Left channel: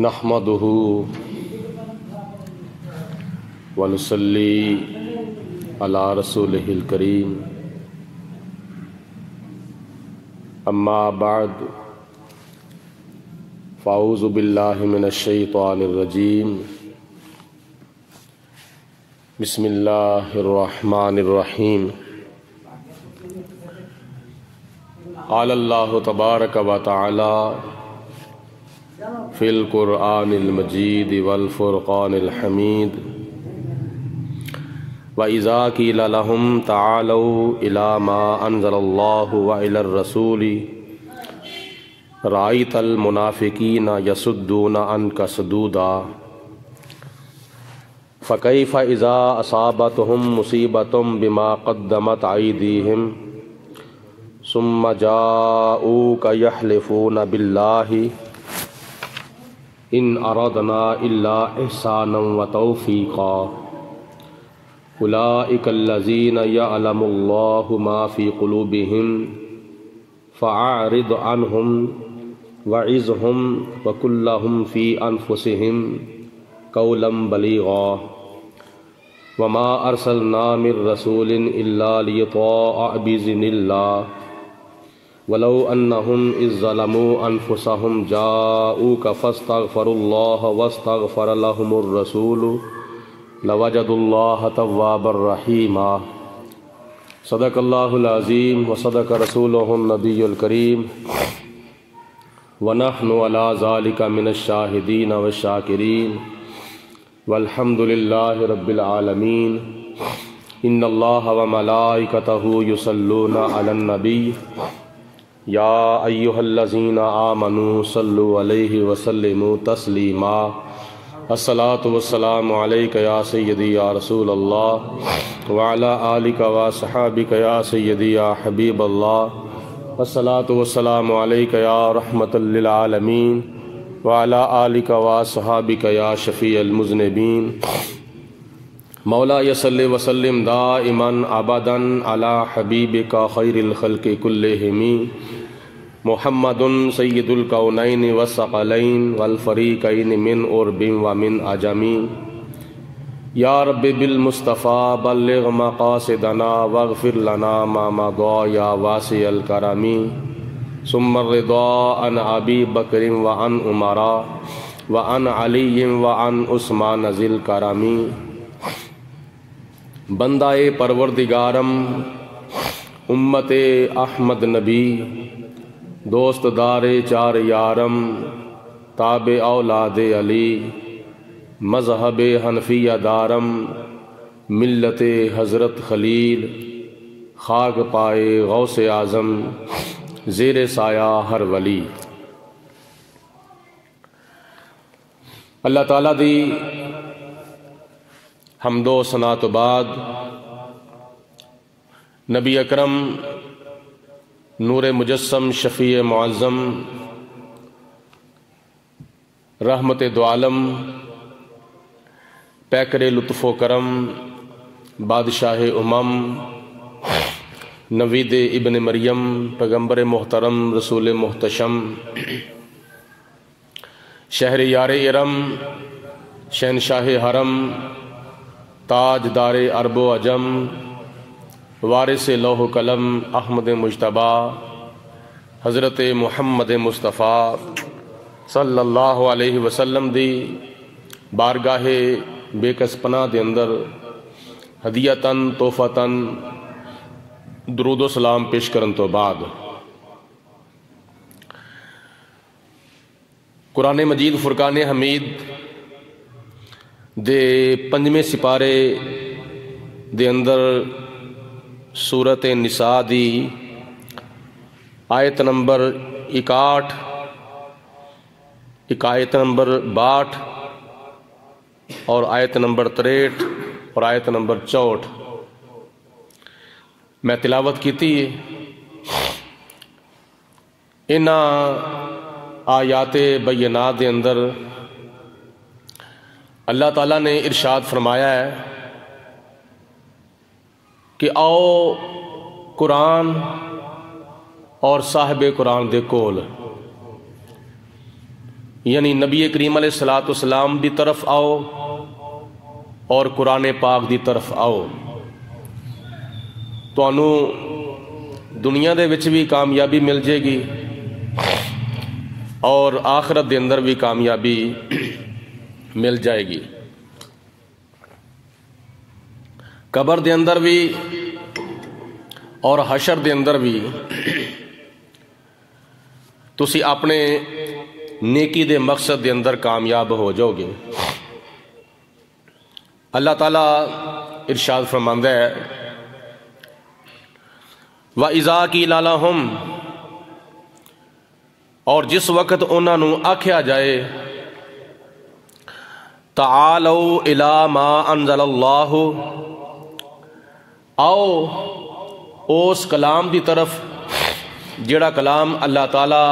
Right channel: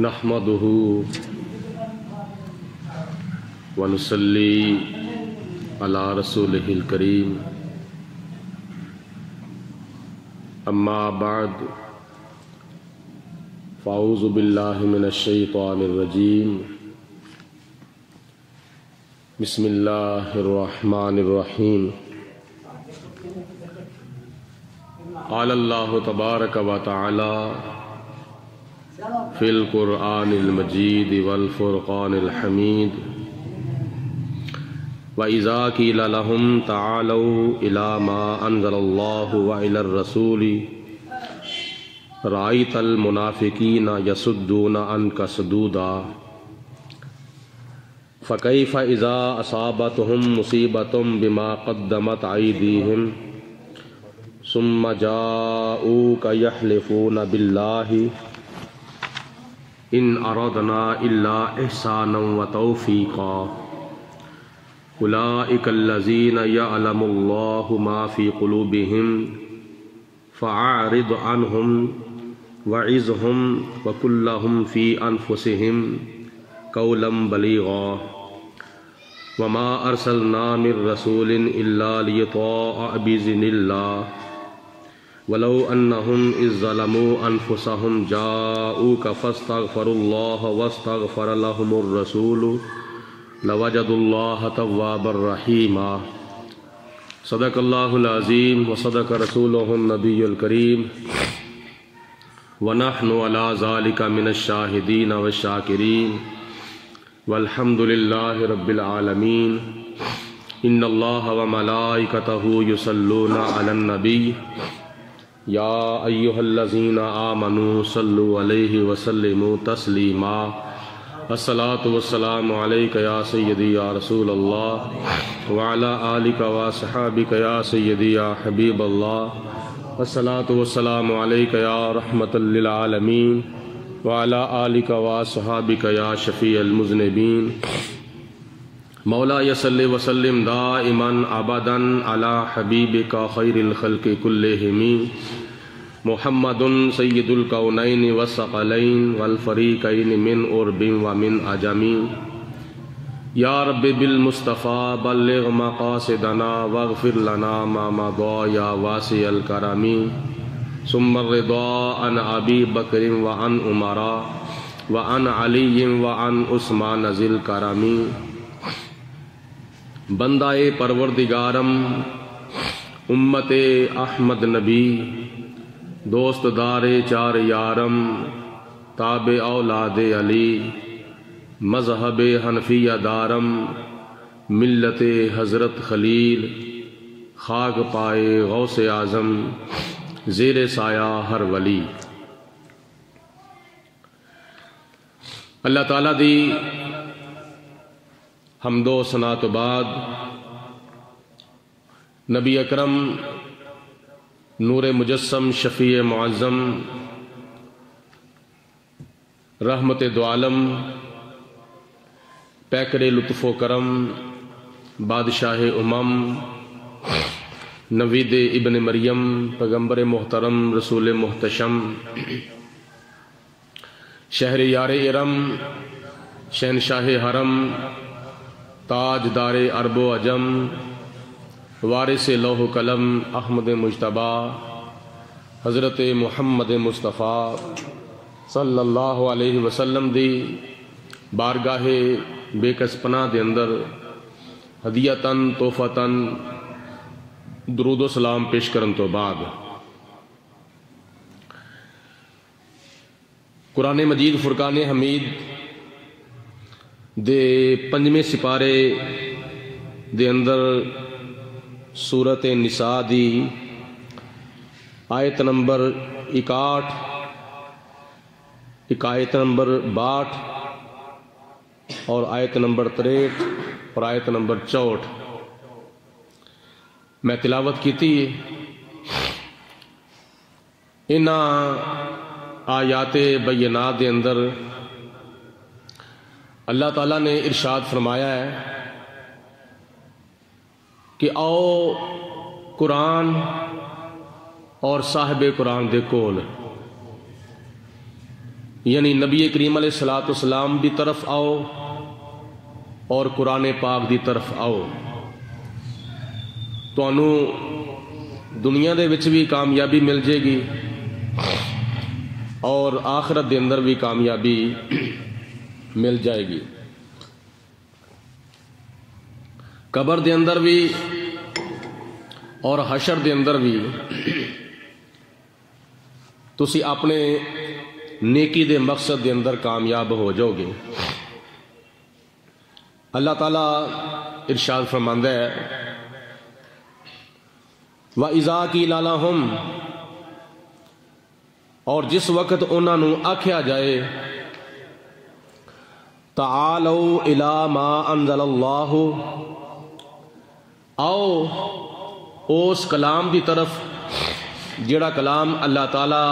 نحمده ونصلي على رسوله الكريم اما بعد فاعوذ بالله من الشيطان الرجيم بسم الله الرحمن الرحيم قال الله تبارك وتعالى فی القرآن المجید والفرقان الحمید وَإِذَا قِيلَ لَهُمْ تَعَالَوْا إِلَى مَا أَنزَلَ اللَّهُ وَإِلَى الرَّسُولِ رَأَيْتَ الْمُنَافِقِينَ يَصُدُّونَ عَنْكَ صُدُودًا فَكَيْفَ إِذَا أَصَابَتْهُم مُّصِيبَةٌ بِمَا قَدَّمَتْ أَيْدِيهِمْ ثُمَّ جَاءُوكَ يَحْلِفُونَ بِاللَّهِ ان اردنا الا احسانا وتوفیقا اولئک الذین یعلم اللہ ما فی قلوبہم فاعرض عنہم وعظہم وقل لہم فی انفسہم قولا بلیغا وما ارسلنا من رسول الا لیطاع باذن اللہ ولو انہم اذ ظلموا انفسہم جاؤوک فاستغفروا اللہ واستغفر لہم الرسول لوجدوا اللہ توابا رحیما صدق اللہ العظیم وصدق رسولہ النبی الکریم ونحن علی ذلک من الشاہدین والشاکرین والحمد للہ رب العالمین ان اللہ وملائکتہ یصلون علی النبی یا ایہا الذین آمنوا صلوا علیہ وسلموا تسلیما الصلاة والسلام علیک یا سیدی یا رسول اللہ وعلا آلک وصحابک یا سیدی یا حبیب اللہ الصلاة والسلام علیک یا رحمت للعالمین وعلا آلک وصحابک یا شفیع المذنبین مولا صلی وسلم دائما ابدا علی حبیبک خیر الخلق کلہم محمد سید الکونین والثقلین والفریقین من عرب ومن عجم یا رب بالمصطفیٰ بلغ مقاصدنا واغفر لنا ما مضى یا واسع الکرم ثم الرضا عن ابی بکر وعن عمر وعن علی وعن عثمان ذی الکرم بندہ پروردگارم امت احمد نبی دوست دار چار یارم تابع اولاد علی مذہب حنفیہ دارم ملت حضرت خلیل خاک پائے غوث اعظم زیر سایہ ہر ولی اللہ تعالیٰ دی حمد و ثنا تو بعد نبی اکرم نور مجسم شفیع معظم رحمت دو عالم پیکر لطف و کرم بادشاہ امم نوید ابن مریم پیغمبر محترم رسول محتشم شہر یار ارم شہنشاہ حرم تاج دار عرب و عجم وارث لوح قلم احمد مجتبیٰ حضرت محمد مصطفیٰ صلی اللہ علیہ وسلم دی بارگاہ بے کس پناہ دے اندر ہدیتاً تحفتاً درود و سلام پیش کرن تو بعد قرآن مجید فرقان حمید دے پنجویں سپارے دے اندر سورت نساء دی آیت نمبر 61 آیت نمبر 62 اور آیت نمبر 63 اور آیت نمبر 64 میں تلاوت کی تھی. ان آیات بینات دے اندر اللہ تعالیٰ نے ارشاد فرمایا ہے کہ آؤ قرآن اور صاحب قرآن دے کول یعنی نبی کریم علیہ الصلوۃ والسلام دی طرف آؤ اور قرآن پاک دی طرف آؤ، تانوں دنیا دے وچ بھی کامیابی مل جائے گی اور آخرت دے اندر بھی کامیابی مل جائے گی، قبر دے اندر بھی اور حشر دے اندر بھی تسی اپنے نیکی دے مقصد دے اندر کامیاب ہو جاؤ گے۔ اللہ تعالیٰ ارشاد فرماندا ہے وَإِذَا قِيلَ لَهُمْ، اور جس وقت انہاں نو آکھیا جائے تعالوا إِلَى مَا أَنزَلَ اللَّهُ، آؤ اس کلام دی طرف جڑا کلام اللہ تعالیٰ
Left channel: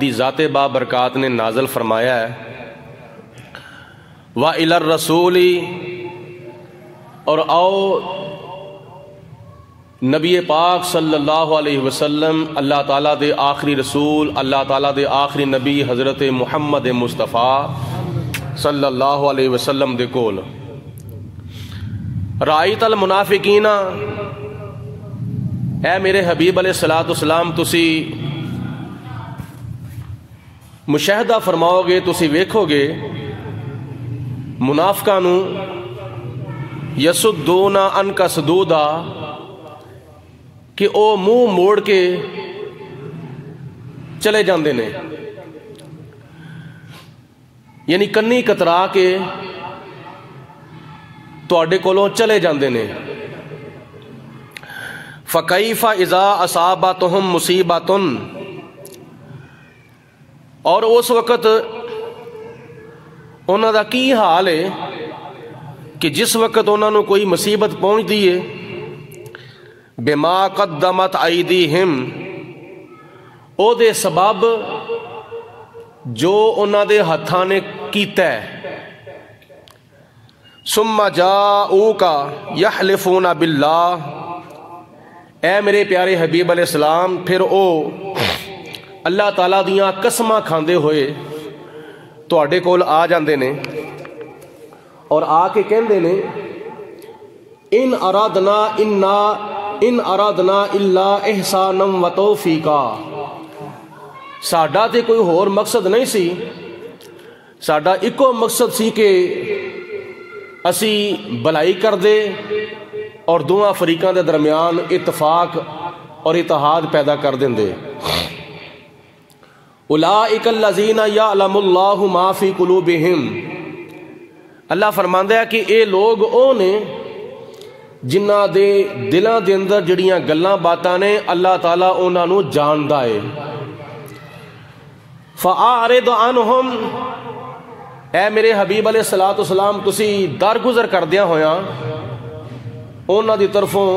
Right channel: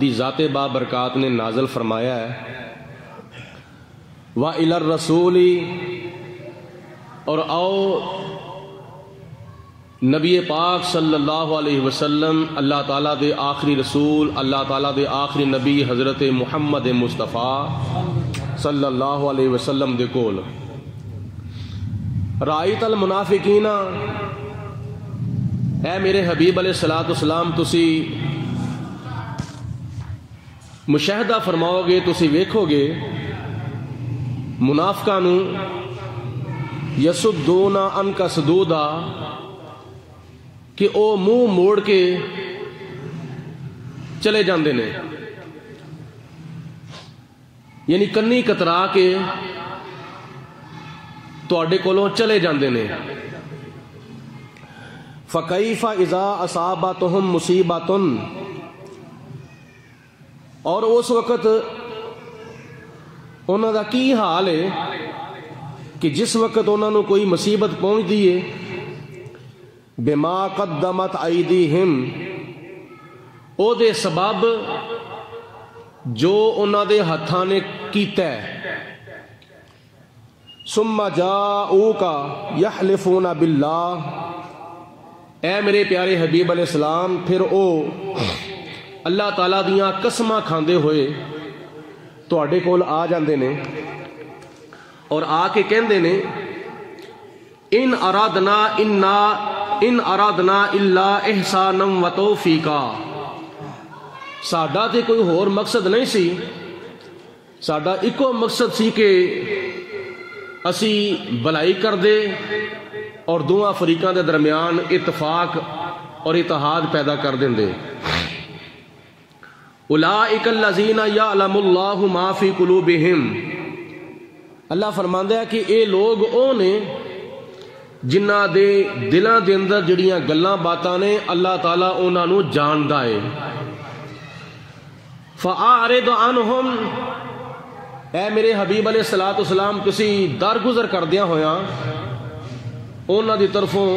دی ذات بابرکات نے نازل فرمایا ہے، وَإِلَى الرَّسُولِ، اور آؤ نبی پاک صلی اللہ علیہ وسلم، اللہ تعالیٰ دے آخری رسول، اللہ تعالیٰ دے آخری نبی حضرت محمد مصطفیٰ صلی اللہ علیہ وسلم دے کول، رائیت المنافقین، اے میرے حبیب علیہ الصلوۃ والسلام تسی مشاہدہ فرماؤ گے، تسی ویکھو گے منافقاں نو یسدون عنک صدودا، کہ او منہ موڑ کے چلے جاندے نے، یعنی کنی کترا کے تواڈے کولوں چلے جاندے نے۔ فَكَيْفَ إِذَا أَصَابَتْهُمْ مُصِيبَةٌ، اور اس وقت انہاں دا کی حال ہے کہ جس وقت انہاں نو کوئی مصیبت پہنچ دیئے، بِمَا قَدَّمَتْ أَيْدِيهِمْ، او دے سبب جو انہاں دے ہتھاں نے کیتا ہے، ثُمَّ جَاءُوكَ يَحْلِفُونَ بِاللَّهِ، اے میرے پیارے حبیب علیہ السلام پھر او اللہ تعالیٰ دیاں قسماں کھاندے ہوئے تواڈے کول آ جاندے نے اور آ کے کہندے نے ان ارادنا الا احسانا و توفیقا، ساڈا تے کوئی ہور مقصد نہیں سی، ساڈا ایکو مقصد سی کہ اسی بھلائی کر دے اور دونوں فریقاں دے درمیان اتفاق اور اتحاد پیدا کر دیں دے۔ اولئک الذین یعلم اللہ ما فی قلوبہم، اللہ فرماندا ہے کہ اے لوگ او نے جنہاں دے دلاں دے اندر جڑیاں گلاں باتاں نے اللہ تعالیٰ انہاں نو جاندا ہے۔ فَأَعْرِضْ عَنْهُمْ، اے میرے حبیب علیہ الصلوۃ والسلام تسی درگزر کردیاں ہویاں انہاں دی طرفوں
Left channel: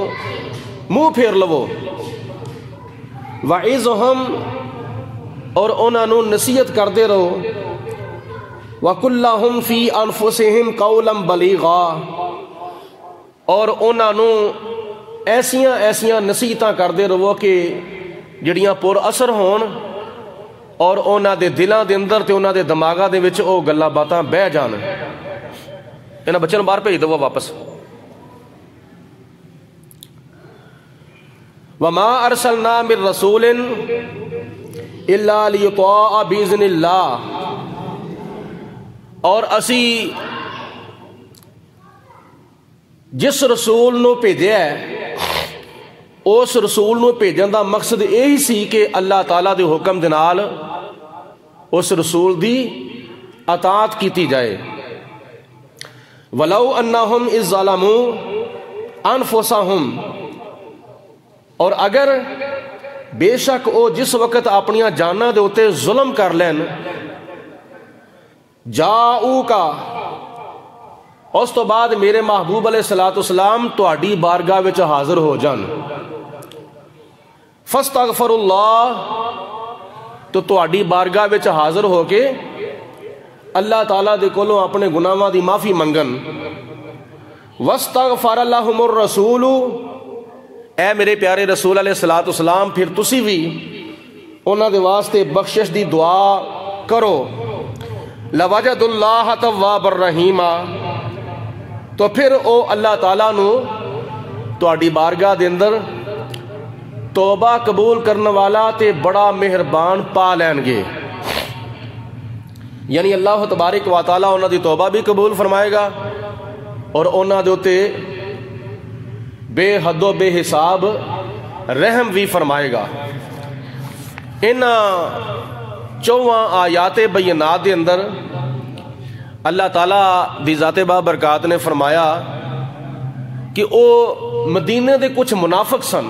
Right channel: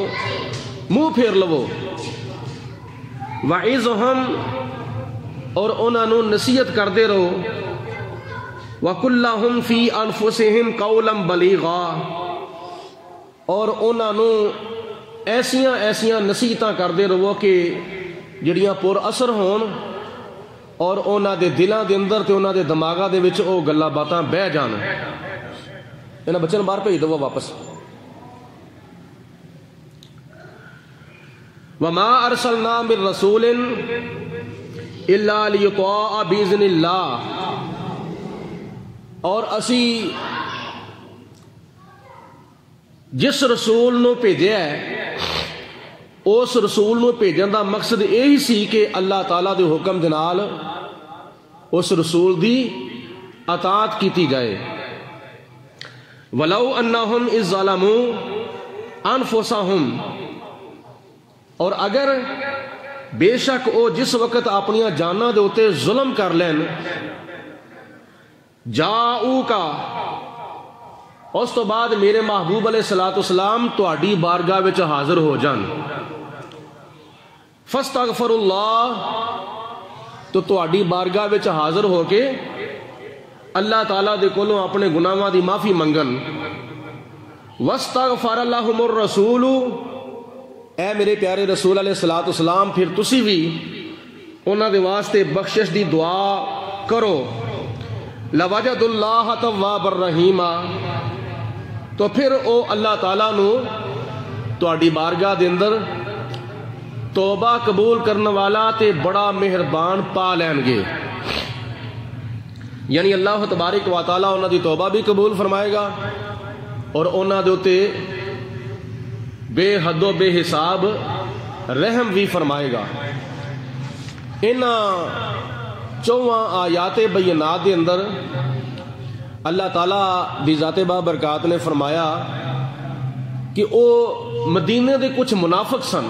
منہ پھیر لو، وَعِظْهُمْ، اور انہاں نو نصیحت کردے رہو، وَقُلْ لَهُمْ فِي أَنفُسِهِمْ قَوْلًا بَلِيغًا، اور انہاں نو ایسیاں نصیحتاں کردے رہو کہ جڑیاں پر اثر ہون اور انہاں دے دلاں دے اندر تے انہاں دے دماغاں دے وچ او گلاں باتاں بہ جان۔ انہاں بچوں نوں باہر بھیج دو واپس۔ وَمَا أَرْسَلْنَا مِن رَّسُولٍ إِلَّا لِيُطَاعَ بِإِذْنِ اللَّهِ، اور اسی جس رسول نو بھیجیا ہے اس رسول نو بھیجن دا مقصد یہی سی کہ اللہ تعالیٰ دے حکم دے نال اس رسول دی اطاعت کیتی جائے۔ وَلَوْ أَنَّهُمْ إِذْ ظَلَمُوا أَنفُسَهُمْ، اور اگر بے شک او جس وقت اپنیاں جاناں دے اوتے ظلم کر لین، جاؤکا، اس تو بعد میرے محبوب علیہ الصلوۃ والسلام تہاڈی بارگاہ وچ حاضر ہو جان، فاستغفر اللہ، تو تہاڈی بارگاہ وچ حاضر ہو کے اللہ تعالیٰ دے کولوں اپنے گناہاں دی معافی منگن، واستغفر لهم الرسول، اے میرے پیارے رسول علیہ الصلوۃ والسلام پھر تسی بھی انہاں دے واسطے بخشش دی دعا کرو، لوجد اللہ تواب الرحیم، تو پھر او اللہ تعالیٰ نو تہاڈی بارگاہ دے اندر توبہ قبول کرنے والا تے بڑا مہربان پا لین گے. یعنی اللہ تبارک و تعالیٰ انہاں دی توبہ بھی قبول فرمائے گا اور انہاں دے اوتے بے حد و بے حساب رحم بھی فرمائے گا. انہاں 4 آیات بینات دے اندر اللہ تعالیٰ دی ذات بابرکات نے فرمایا کہ او مدینے دے کچھ منافق سن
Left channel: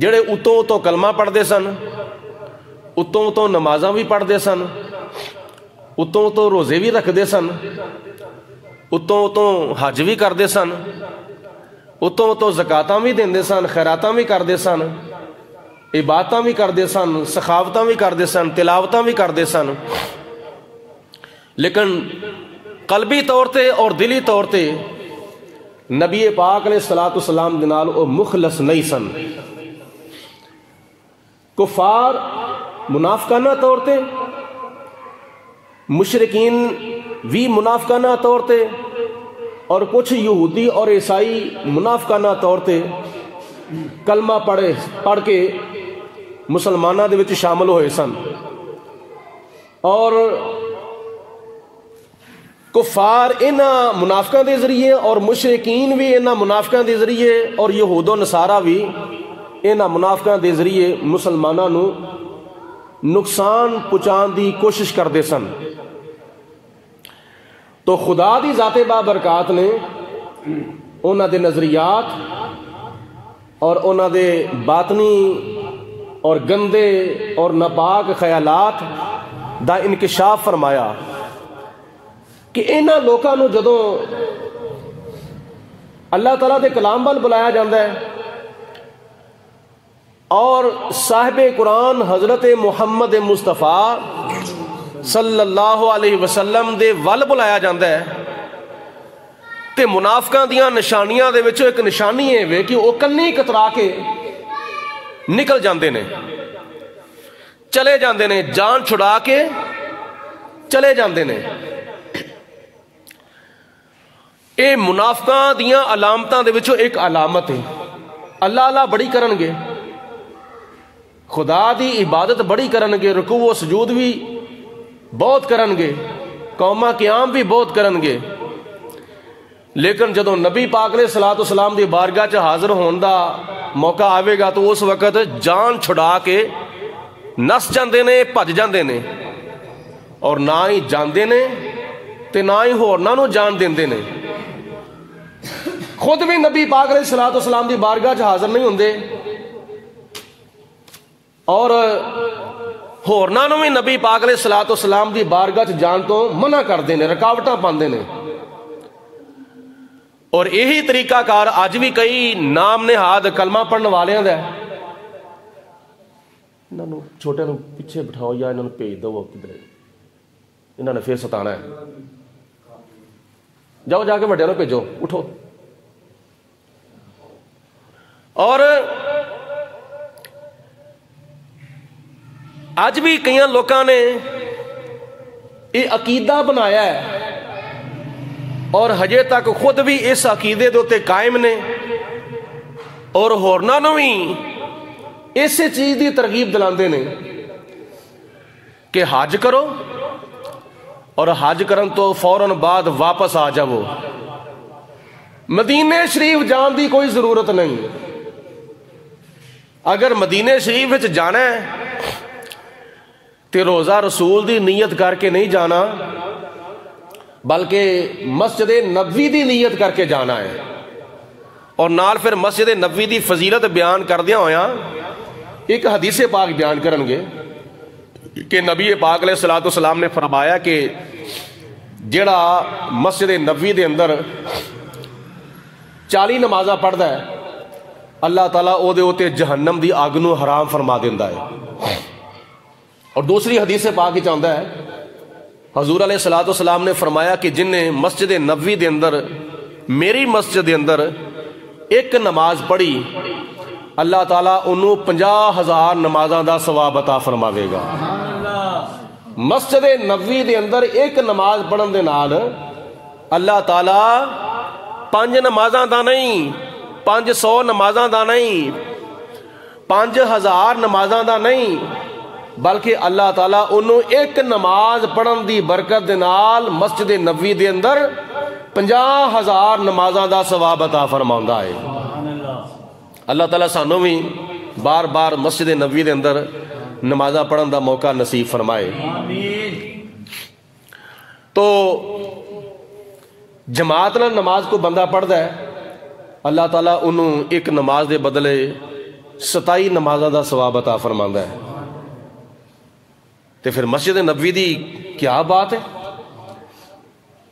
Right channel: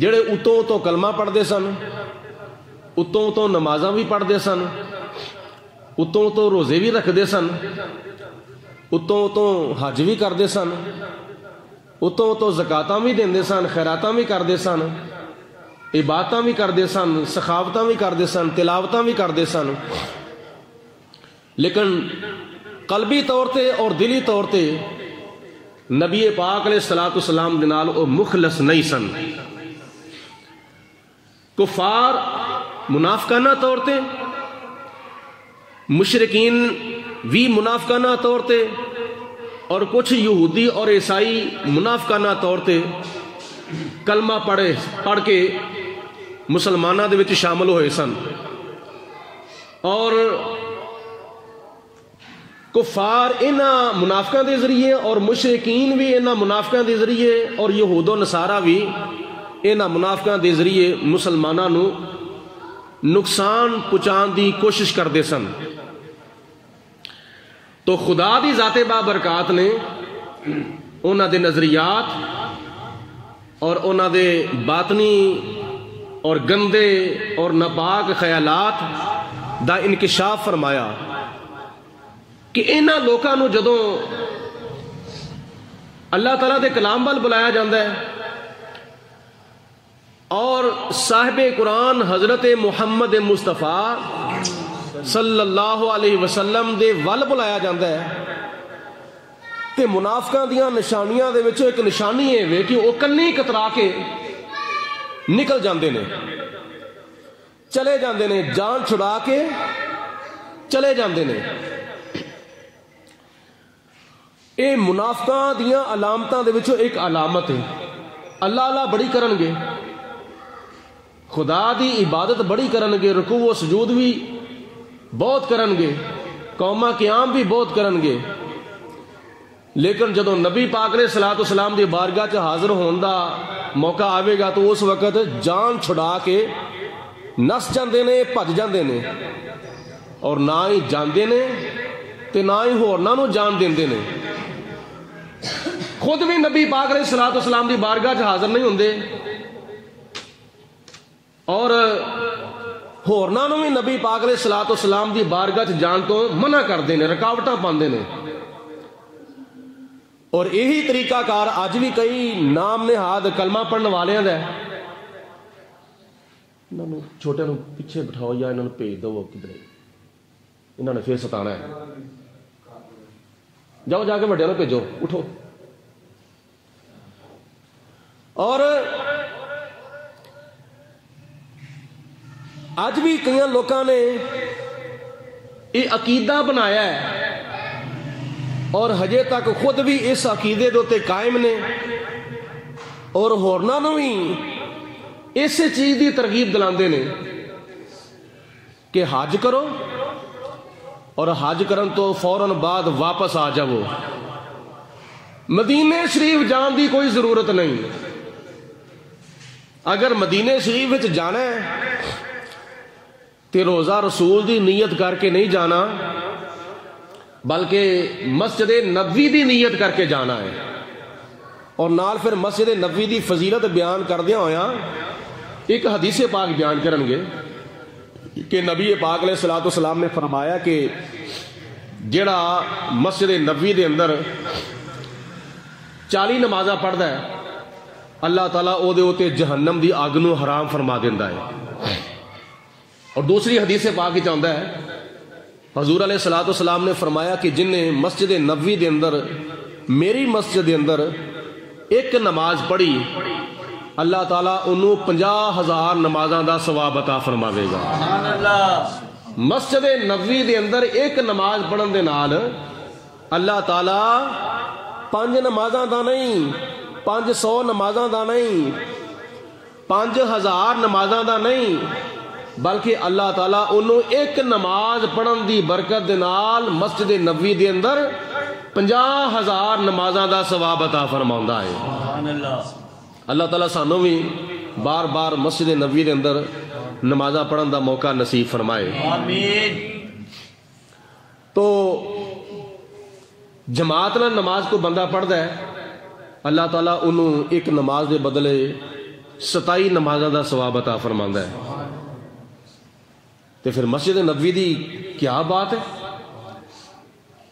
جڑے اتوں اتوں کلمہ پڑھتے سن، اتوں اتوں نمازاں بھی پڑھتے سن، اتوں اتوں روزے بھی رکھتے سن، اتوں اتوں حج بھی کرتے سن، اتوں اتوں زکاتاں بھی دیندے سن، خیراتاں بھی کرتے سن، عبادتاں بھی کرتے سن، سخاوتاں بھی کرتے سن، تلاوتاں بھی کرتے سن، لیکن قلبی طور تے اور دلی طور تے نبی پاک علیہ الصلوۃ والسلام دے نال او مخلص نہیں سن. کفار منافقانہ طور تے، مشرکین بھی منافقانہ طور تے، اور کچھ یہودی اور عیسائی منافقانہ طور تے کلمہ پڑھ کے مسلمانوں دے وچ شامل ہوئے سن. اور کفار انہاں منافقاں دے ذریعے اور مشرکین بھی انہاں منافقاں دے ذریعے اور یہود و نصارہ بھی انہاں منافقاں دے ذریعے مسلماناں نو نقصان پہنچان دی کوشش کرتے سن. تو خدا دی ذات بابرکات نے انہاں دے نظریات اور انہاں دے باطنی اور گندے اور ناپاک خیالات دا انکشاف فرمایا کہ انہاں لوکاں نو جدوں اللہ تعالیٰ دے کلام وال بلایا جاندہ ہے اور صاحب قرآن حضرت محمد مصطفیٰ صلی اللہ علیہ وسلم دے ول بلایا جاندہ ہے تے منافقاں دیاں نشانیاں دے وچوں ایک نشانی ہے کہ وہ کلیں کترا کے نکل جاندے نے، چلے جاندے نے، جان چھڑا کے چلے جاندے نے. اے منافقاں دیاں علامتاں دے وچوں ایک علامت ہے. اللہ اللہ بڑی کرن گے، خدا دی عبادت بڑی کرن گے، رکوع و سجود بھی بہت کرن گے، قومہ قیام بھی بہت کرن گے، لیکن جدوں نبی پاک علیہ الصلوۃ والسلام دی بارگاہ چ حاضر ہون دا موقع آوے گا تو اس وقت جان چھڑا کے نس جاندے نے، بھج جاندے نے، اور نہ ہی جاندے نے تے نہ ہی ہورناں نو جان دیندے نے. خود بھی نبی پاک علیہ الصلوۃ والسلام دی بارگاہ چ حاضر نہیں ہوندے اور ہورناں نو بھی نبی پاک علیہ الصلوۃ والسلام دی بارگاہ چ جان تو منع کردے نے، رکاوٹاں پاندے نے. اور یہی طریقہ کار اج بھی کئی نام نہاد کلمہ پڑھنے والے ہیں. انہوں نے چھوٹے نو پیچھے بٹھاؤ یا انہوں نے بھیج دو کدھر، انہوں نے پھر ستانا ہے. جاؤ جا کے وڈے نو بھیجو، اٹھو. اور اج بھی کئی لوکاں نے یہ عقیدہ بنایا ہے اور ہجے تک خود بھی اس عقیدے دے اوتے قائم نے اور ہورناں نو بھی اسی چیز دی ترغیب دلاندے نے کہ حج کرو اور حج کرن تو فوراً بعد واپس آ جاؤ، مدینے شریف جان دی کوئی ضرورت نہیں. اگر مدینے شریف وچ جانا ہے تے روزہ رسول دی نیت کر کے نہیں جانا بلکہ مسجد نبوی دی نیت کر کے جانا ہے. اور نال پھر مسجد نبوی دی فضیلت بیان کردیاں ہویا ایک حدیث پاک بیان کرن گے کہ نبی پاک علیہ الصلوۃ والسلام نے فرمایا کہ جڑا مسجد نبوی دے اندر 40 نمازاں پڑھدا ہے اللہ تعالیٰ او دے اوتے جہنم دی آگ نو حرام فرما دیندا ہے. اور دوسری حدیث پاک وچ آندا ہے حضور علیہ الصلوۃ والسلام نے فرمایا کہ جن نے مسجد نبوی دے اندر میری مسجد دے اندر ایک نماز پڑھی اللہ تعالیٰ انہوں 50,000 نمازاں دا ثواب عطا فرماوے گا. مسجد نبوی دے اندر ایک نماز پڑھن دے نال اللہ تعالی 5 نمازاں دا نہیں، 500 نمازاں دا نہیں، 5000 نمازاں دا نہیں، بلکہ اللہ تعالیٰ انہوں ایک نماز پڑھن دی برکت دے نال مسجد نبوی دے اندر 50,000 نمازاں دا ثواب عطا فرماؤندا ہے۔ اللہ تعالیٰ سانوں بھی بار بار مسجد نبوی دے اندر نمازاں پڑھن دا موقع نصیب فرمائے۔ تو جماعت میں نماز کو بندہ پڑھتا ہے، اللہ تعالیٰ انہوں ایک نماز دے بدلے 27 نمازاں دا ثواب عطا فرماؤندا ہے۔ تو پھر مسجد نبوی دی کیا بات ہے؟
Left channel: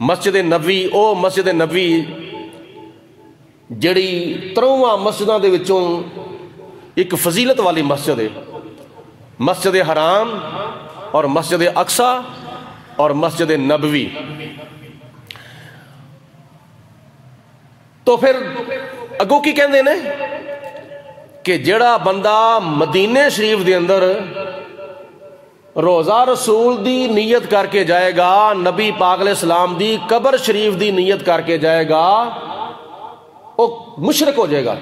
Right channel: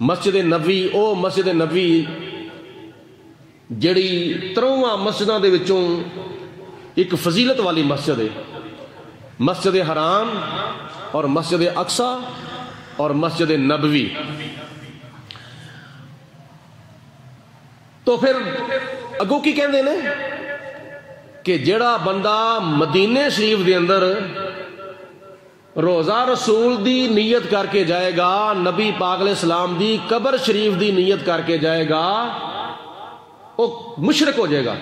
مسجد نبوی او مسجد نبوی جڑی 53 مسجداں دے وچوں ایک فضیلت والی مسجد ہے، مسجد حرام اور مسجد اقصی اور مسجد نبوی۔ تو پھر اگوں کی کہندے نے کہ جڑا بندہ مدینے شریف دے اندر روزہ رسول دی نیت کر کے جائے گا، نبی پاک علیہ السلام دی قبر شریف دی نیت کر کے جائے گا، وہ مشرک ہو جائے گا۔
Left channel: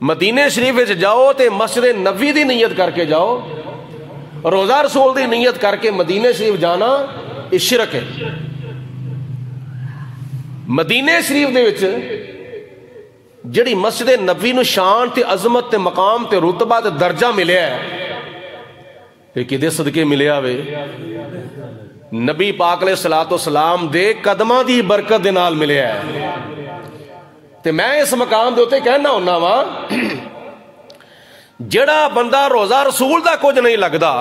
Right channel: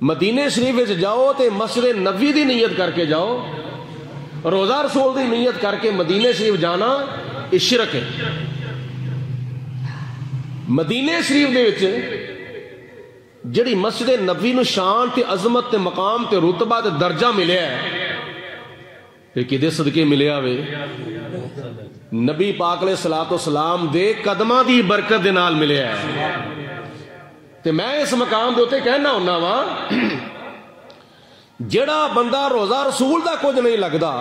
مدینے شریف وچ جاؤ تے مسجد نبوی دی نیت کر کے جاؤ، روزہ رسول دی نیت کر کے مدینے شریف جانا یہ شرک ہے۔ مدینے شریف دے وچ جڑی مسجد نبوی نو شان تے عظمت تے مقام تے رتبہ تے درجہ ملیا ہے، یہ کدے صدقے ملیا وے؟ نبی پاک علیہ السلام دے قدماں دی برکت دے نال ملیا ہے۔ تے میں اس مقام دے اوتے کہنا ہونا وا، جڑا بندہ روزہ رسول دا کچھ نہیں لگدا،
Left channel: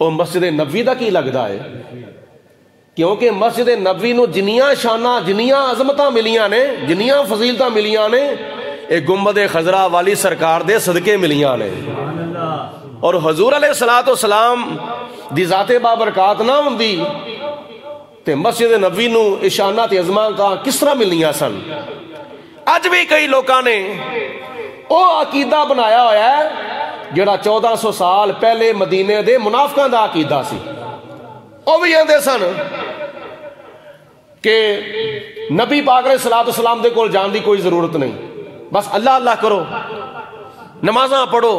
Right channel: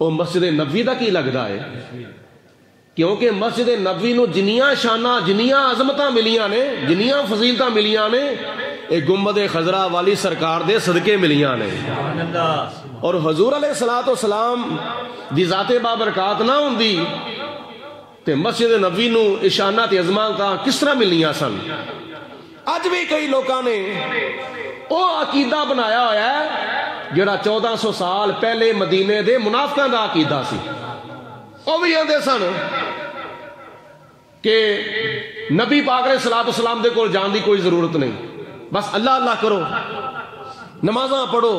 وہ مسجد نبوی دا کی لگدا ہے؟ کیونکہ مسجد نبوی نو جنیاں شاناں جنیاں عظمتاں ملیاں نے، جنیاں فضیلتاں ملیاں نے، ایک گنبد خضرا والی سرکار دے صدقے ملیاں نے۔ اور حضور علیہ السلام دی ذات بابرکات نہ ہوندی تے مسجد نبوی نو اشانہ تے عظمتاں کس طرح ملنیاں سن؟ اج بھی کئی لوکاں نے او عقیدہ بنایا ہویا ہے جڑا 1400 سال پہلے مدینے دے منافقاں دا عقیدہ سی۔ او بھی کہندے سن کہ نبی پاک علیہ السلام دے کول جان دی کوئی ضرورت نہیں، بس اللہ اللہ کرو، نمازاں پڑھو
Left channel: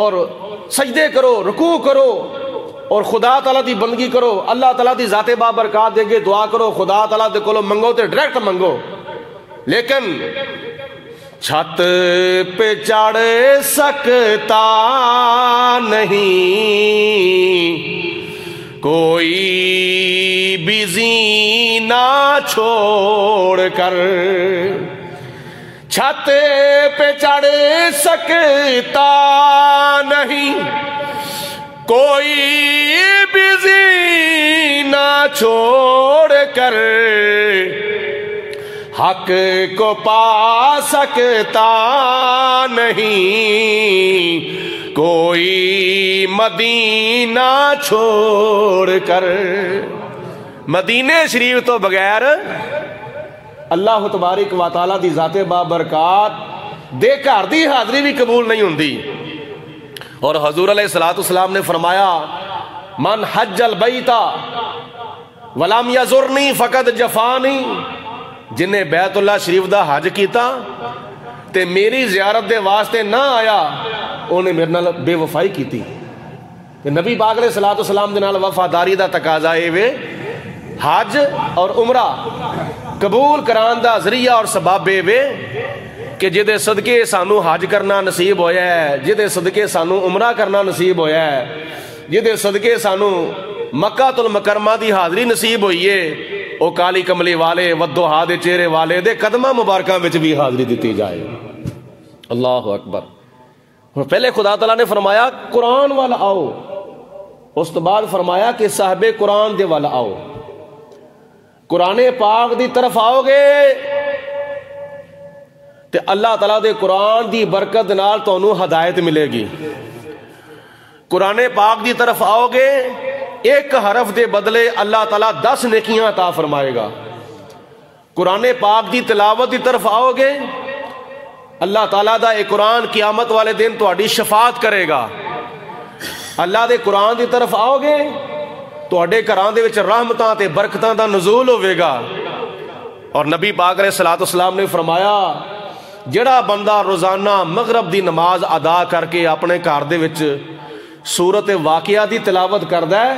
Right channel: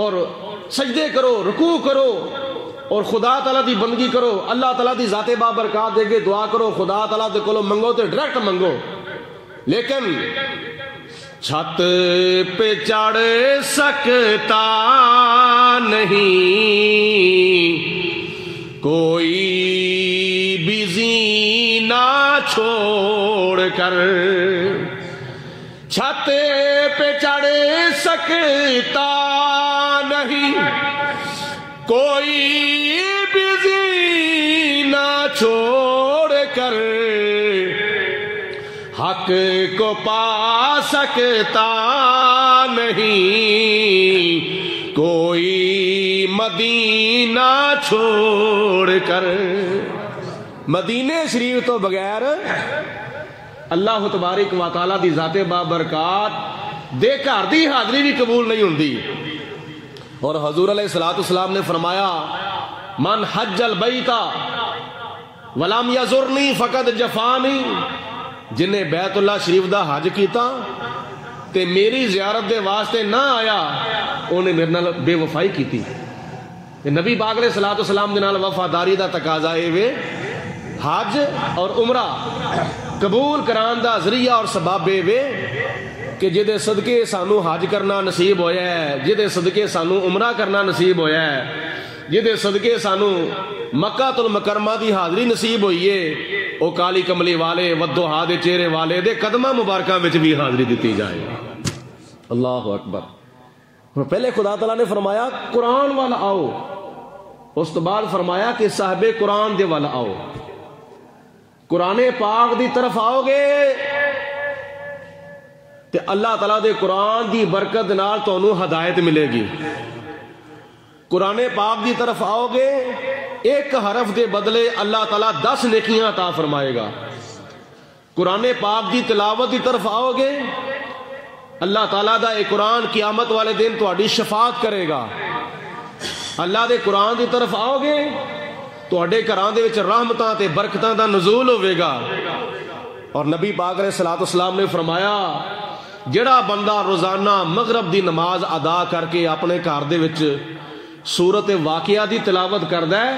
اور سجدے کرو، رکوع کرو اور خدا تعالیٰ دی بندگی کرو، اللہ تعالیٰ دی ذات بابرکات دے کے دعا کرو، خدا تعالیٰ دے کولو منگو تے ڈائریکٹ منگو۔ لیکن چھت پہ چڑھ سکتا نہیں کوئی بھی زینہ چھوڑ کر، چھت پہ چڑھ سکتا نہیں کوئی بھی زینہ چھوڑ کر، حق کو پا سکتا نہیں کوئی مدینہ چھوڑ کر۔ مدینے شریف تو بغیر اللہ تبارک و تعالیٰ دی ذات بابرکات دے گھر دی حاضری بھی قبول نہیں ہوندی۔ اور حضور علیہ السلام نے فرمایا، من حج البیت ولم یزرنی فقد جفانی، جنہیں بیت اللہ شریف دا حج کیتا تے میری زیارت دے واسطے نہ آیا، انہیں میرے نال بے وفائی کیتی۔ نبی پاک علیہ السلام دے نال وفاداری دا تقاضا اے وے، حج اور عمرہ قبول کران دا ذریعہ اور سبب اے وے کہ جدے صدقے سانو حج کرنا نصیب ہویا ہے، جدے صدقے سانو عمرہ کرنا نصیب ہویا ہے، جدے صدقے سانو مکہ المکرمہ دی حاضری نصیب ہوئی ہے، او کالی کملی والے ودوہا دے چہرے والے دے قدمہ مبارکہ وچ بھی حاضری دیتی جائے۔ اللہ اکبر۔ پہلے خدا تعالیٰ نے فرمایا قرآن والا آؤ، اس تو بعد فرمایا کہ صاحب قرآن دے والا آؤ۔ قرآن پاک دی طرف آؤ گے تے اللہ تعالیٰ دے قرآن دی برکت نال تانوں ہدایت ملے گی۔ قرآن پاک دی طرف آؤ گے، ایک حرف دے بدلے اللہ تعالیٰ 10 نیکیاں عطا فرمائے گا۔ قرآن پاک دی تلاوت دی طرف آؤ گے، اللہ تعالیٰ دا ایک قرآن قیامت والے دن تہاڈی شفاعت کرے گا۔ اللہ دے قرآن دی طرف آؤ گے تواڈے گھراں دے وچ رحمتاں تے برکتاں دا نزول ہوے گا۔ اور نبی پاک علیہ الصلوۃ والسلام نے فرمایا جڑا بندہ روزانہ مغرب دی نماز ادا کر کے اپنے گھر دے وچ سورت واقعہ دی تلاوت کردا ہے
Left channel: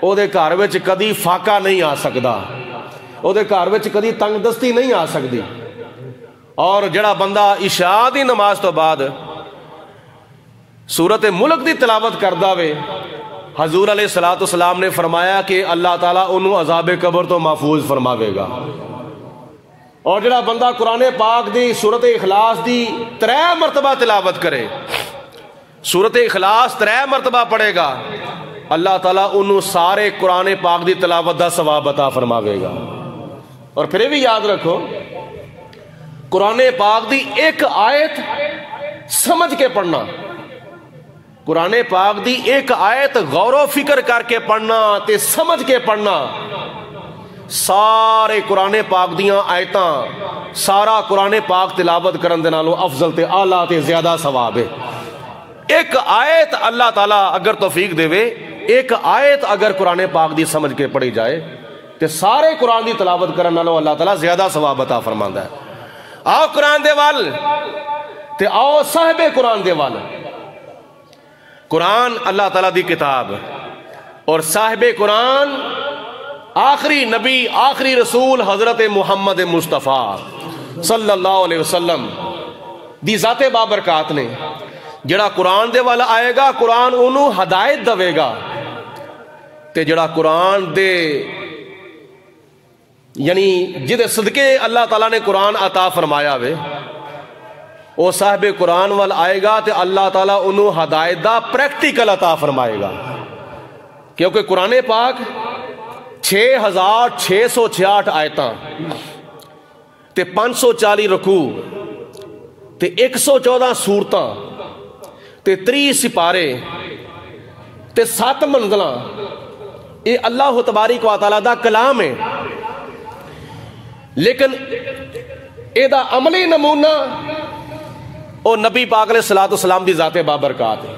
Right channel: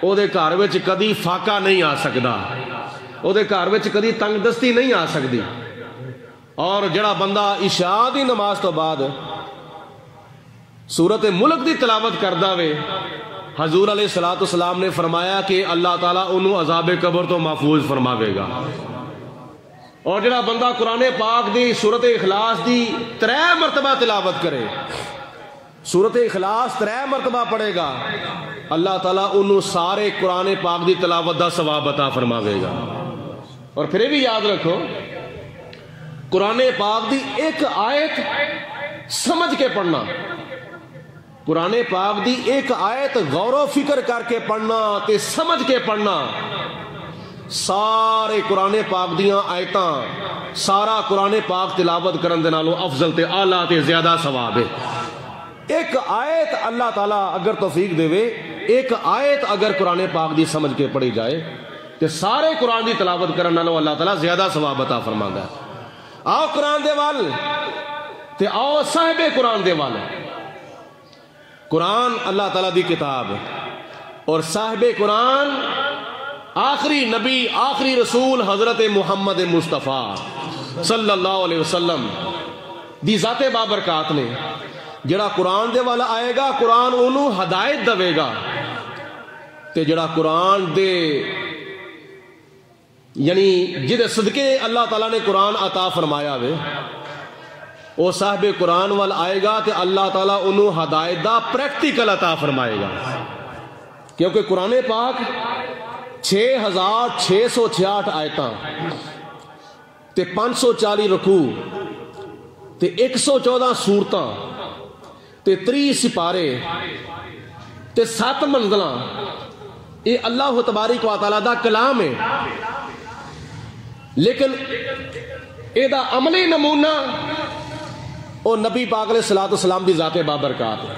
او دے گھر وچ کدی فاقہ نہیں آ سکدا، او دے گھر وچ کدی تنگ دستی نہیں آ سکدی۔ اور جڑا بندہ عشاء دی نماز تو بعد سورت ملک دی تلاوت کردا وے، حضور علیہ الصلوۃ والسلام نے فرمایا کہ اللہ تعالیٰ انہوں عذاب قبر تو محفوظ فرماوے گا۔ اور جڑا بندہ قرآن پاک دی سورت اخلاص دی 3 مرتبہ تلاوت کرے، سورت اخلاص 3 مرتبہ پڑھے گا، اللہ تعالیٰ انہوں سارے قرآن پاک دی تلاوت دا ثواب عطا فرماوے گا۔ اور پھر بھی یاد رکھو قرآن پاک دی ایک آیت سمجھ کے پڑھنا، قرآن پاک دی ایک آیت غور و فکر کر کے پڑھنا تے سمجھ کے پڑھنا، سارے قرآن پاک دیاں آیتاں سارا قرآن پاک تلاوت کرن دے نالوں افضل تے اعلیٰ تے زیادہ ثواب ہے۔ ایک آیت اللہ تعالیٰ اگر توفیق دے وے، ایک آیت اگر قرآن پاک دی سمجھ کے پڑھی جائے تے سارے قرآن دی تلاوت کرن نالوں اللہ تعالیٰ زیادہ ثواب عطا فرماندا ہے۔ آؤ قرآن دے وال تے آؤ صاحب قرآن دے وال۔ قرآن اللہ تعالیٰ دی کتاب اور صاحب قرآن آخری نبی آخری رسول حضرت محمد مصطفیٰ صلی اللہ علیہ وسلم دی ذات بابرکات نے جڑا قرآن دے والا آئے گا قرآن انہوں ہدایت دے گا، تے جڑا قرآن دے یعنی جدے صدقے اللہ تعالیٰ نے قرآن عطا فرمایا وے وہ صاحب قرآن وال آئے گا تے اللہ تعالیٰ انہوں ہدایت دا پریکٹیکل عطا فرمائے گا، کیونکہ قرآن پاک 6666 آیتاں تے 540 رکوع تے 114 سورتاں تے 30 سپارے تے 7 منزلاں، یہ اللہ تبارک و تعالیٰ دا کلام ہے، لیکن اے دا عملی نمونہ او نبی پاک علیہ الصلوۃ والسلام دی ذات بابرکات ہے۔